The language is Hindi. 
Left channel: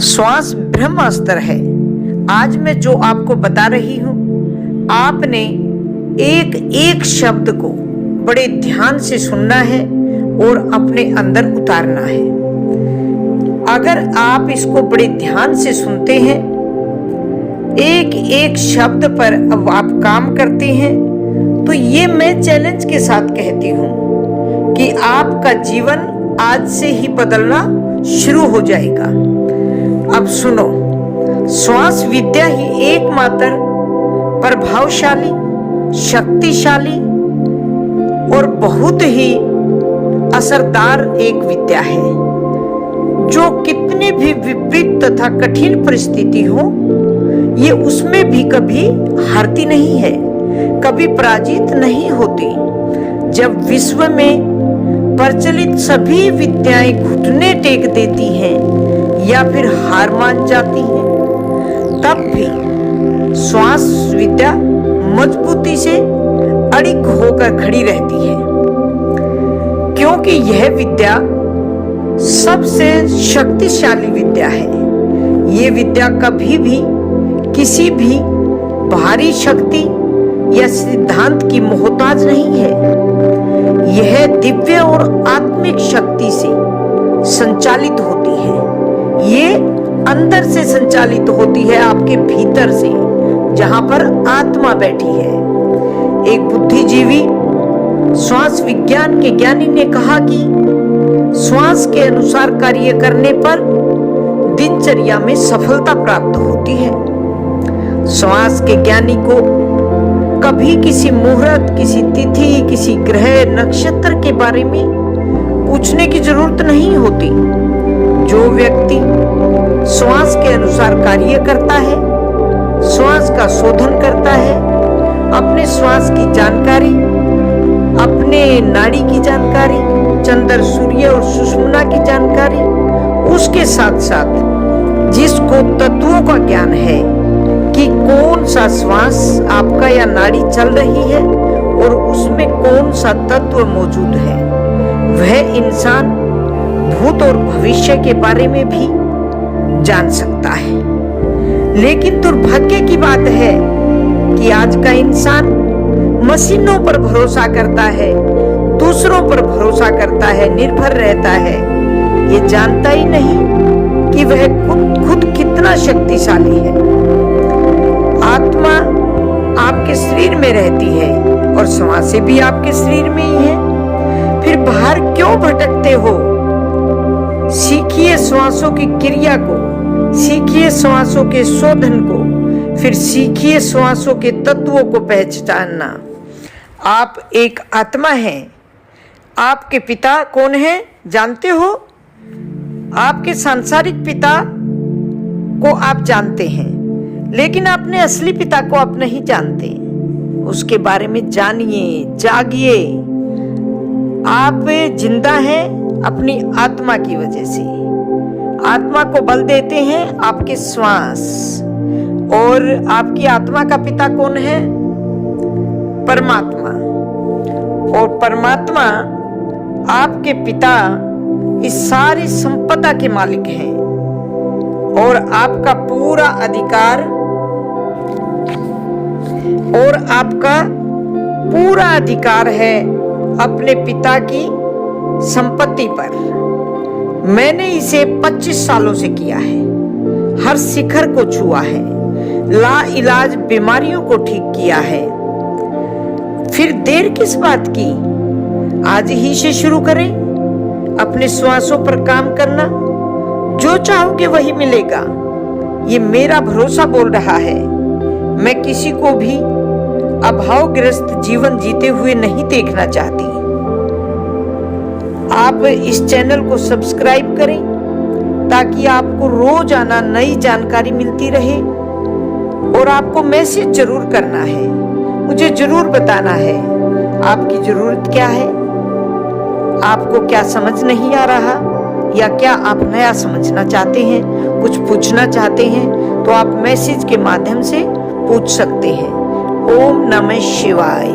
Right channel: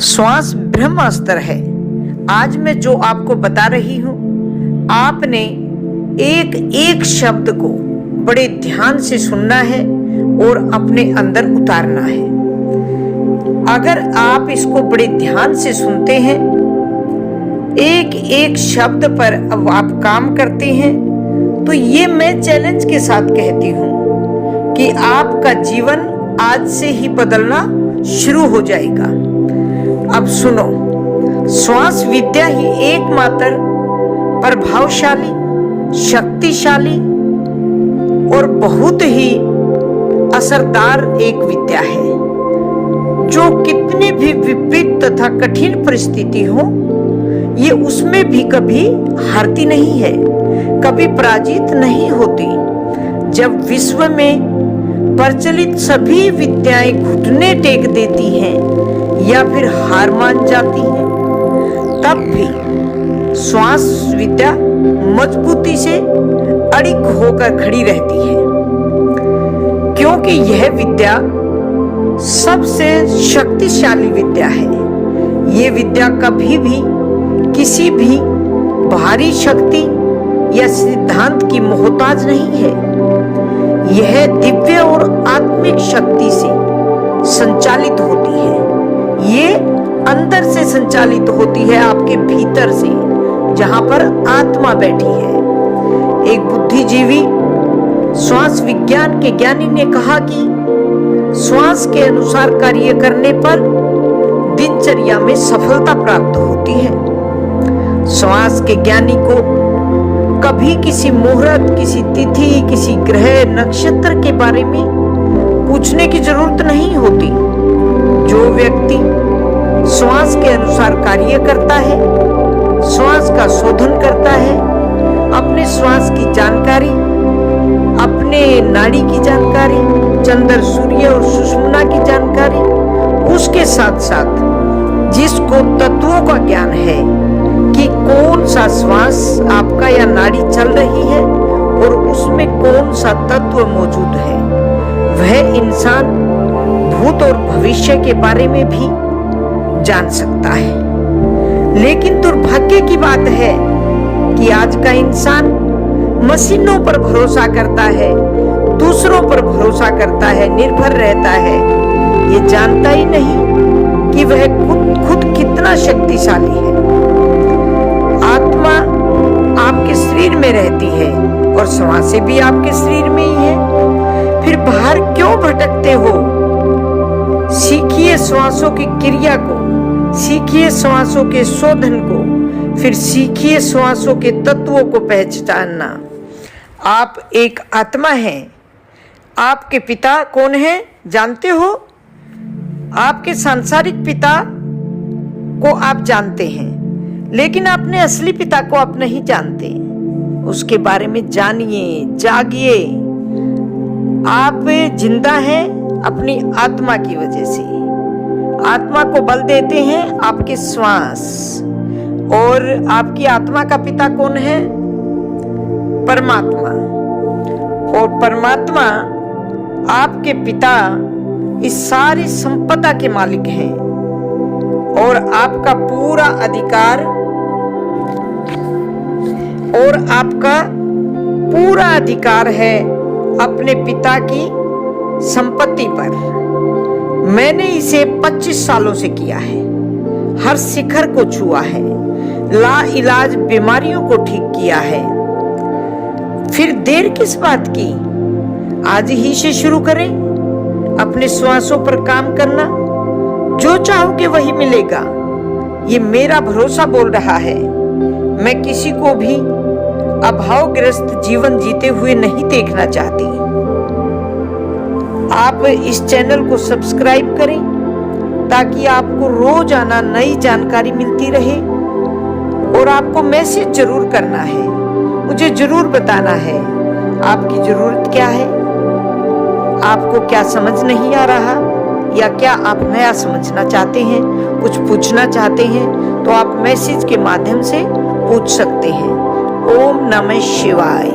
श्वास ब्रह्मास्त्र है। आज मैं जो आपको बता रही हूं, आपने एक एक शब्द को बड़े ध्यान से सुनना है और अपने अंदर उतारना है। अगर आप इसको बड़े ध्यान से सुनते हैं, एक एक शब्द पर अब आप काम करते हैं, तो ये मैं चैलेंज के साथ कहती हूं कि आपका जीवन आज से ही बदलना शुरू हो जाएगा। अब सुनो, श्वास विद्या ही एकमात्र प्रभावशाली, शक्तिशाली और बहुत ही असरदार एक विद्या है, जो कितनी भी विपरीत तथा कठिन परिस्थिति हो, ये उसमें भी कभी हारती नहीं है, कभी पराजित नहीं होती। जब विश्व में प्रचलित सभी विद्याएं घुटने टेक देती हैं या फिर हार मान जाती हैं, तब भी श्वास विद्या मजबूती से अड़िग होकर खड़ी रहती है, क्योंकि यह विद्या सबसे शक्तिशाली विद्या है। ये विद्या कभी भी किसी भी भारी शक्ति या सिद्धांत की मोहताज नहीं है। यह दिव्य और आत्मिक शक्ति से संचालित होती है। ये अंदर से संचालित होती है, आपके भीतर से, जहां पर आत्मा बैठी है। एक बुद्धिजीवी श्वास विज्ञान के ज्ञानी ने कहा कि श्वास के अनुसार कार्य करने पर दिनचर्या में सफलता प्राप्त होती है। श्वास के ज्ञानी को कभी किसी मुहूर्त, किसी तिथि, किसी ग्रह, नक्षत्र के बारे में पूछने की जरूरत नहीं होती। जो व्यक्ति श्वास के अनुसार कार्य करता है, श्वास का शोधन करता है, अपने श्वास की जानकारी, अपने नाड़ी की जानकारी, चंद्र, सूर्य और सुषुम्ना की जानकारी, उसके साथ साथ जिसको तत्वों का ज्ञान है कि कौन सा श्वास आपका या नाड़ी चल रही है और उसमें कौन सा तत्व मौजूद है, वह इंसान भूत और भविष्य के बारे में भी जान सकता है। लेकिन दुर्भाग्य की बात है कि आज का इंसान मशीनों पर भरोसा करता है, दूसरों पर भरोसा करता है, निर्भर रहता है। ये जानता ही नहीं कि वह खुद कितना शक्तिशाली है। आत्मा आपके शरीर में रहती है और श्वासें भी आपके शरीर में ही है। फिर बाहर क्यों भटकते हो? सीखिए श्वासों की क्रिया को, सीखिए श्वासों के शोधन को, फिर सीखिए श्वासों के तत्वों को पहचानना। आप एक आत्मा हैं। आपके पिता कौन है जानते हो? आपके सांसारिक पिता को आप जानते हैं, लेकिन अपने असली पिता को आप नहीं जानते। उसके बारे में जानिए, जागिए। आप जिंदा हैं अपनी आत्मा की वजह से। आत्मा को बल देते हैं आपके श्वास। और आपकी आत्मा का पिता कौन है? परमात्मा। और परमात्मा आपके पिता इस सारी संपदा के मालिक हैं और आपका पूरा अधिकार है अपने पिता की संपत्ति पर। मैंने इसे 25 सालों से किया है, हर शिखर को छुआ है, लाइलाज बीमारियों को ठीक किया है। फिर देर किस बात की? आज ही से शुरू करें अपने श्वासों पर काम करना। जो चाहोगे वही मिलेगा, ये मेरा भरोसा बोल रहा है। मैं किसी को भी अभावग्रस्त जीवन जीते हुए नहीं देखना चाहती। आप इस चैनल को सब्सक्राइब करें ताकि आपको रोजाना नई जानकारी मिलती रहे। और आपको मैसेज जरूर करना है, मुझे जरूर बताना है आपकी जरूरत क्या है, आपको क्या समझ नहीं आ रहा, या क्या आप नया समझना चाहते हैं, कुछ पूछना चाहते हैं, तो आप मैसेज के माध्यम से पूछ सकते हैं। ओम नमः शिवाय।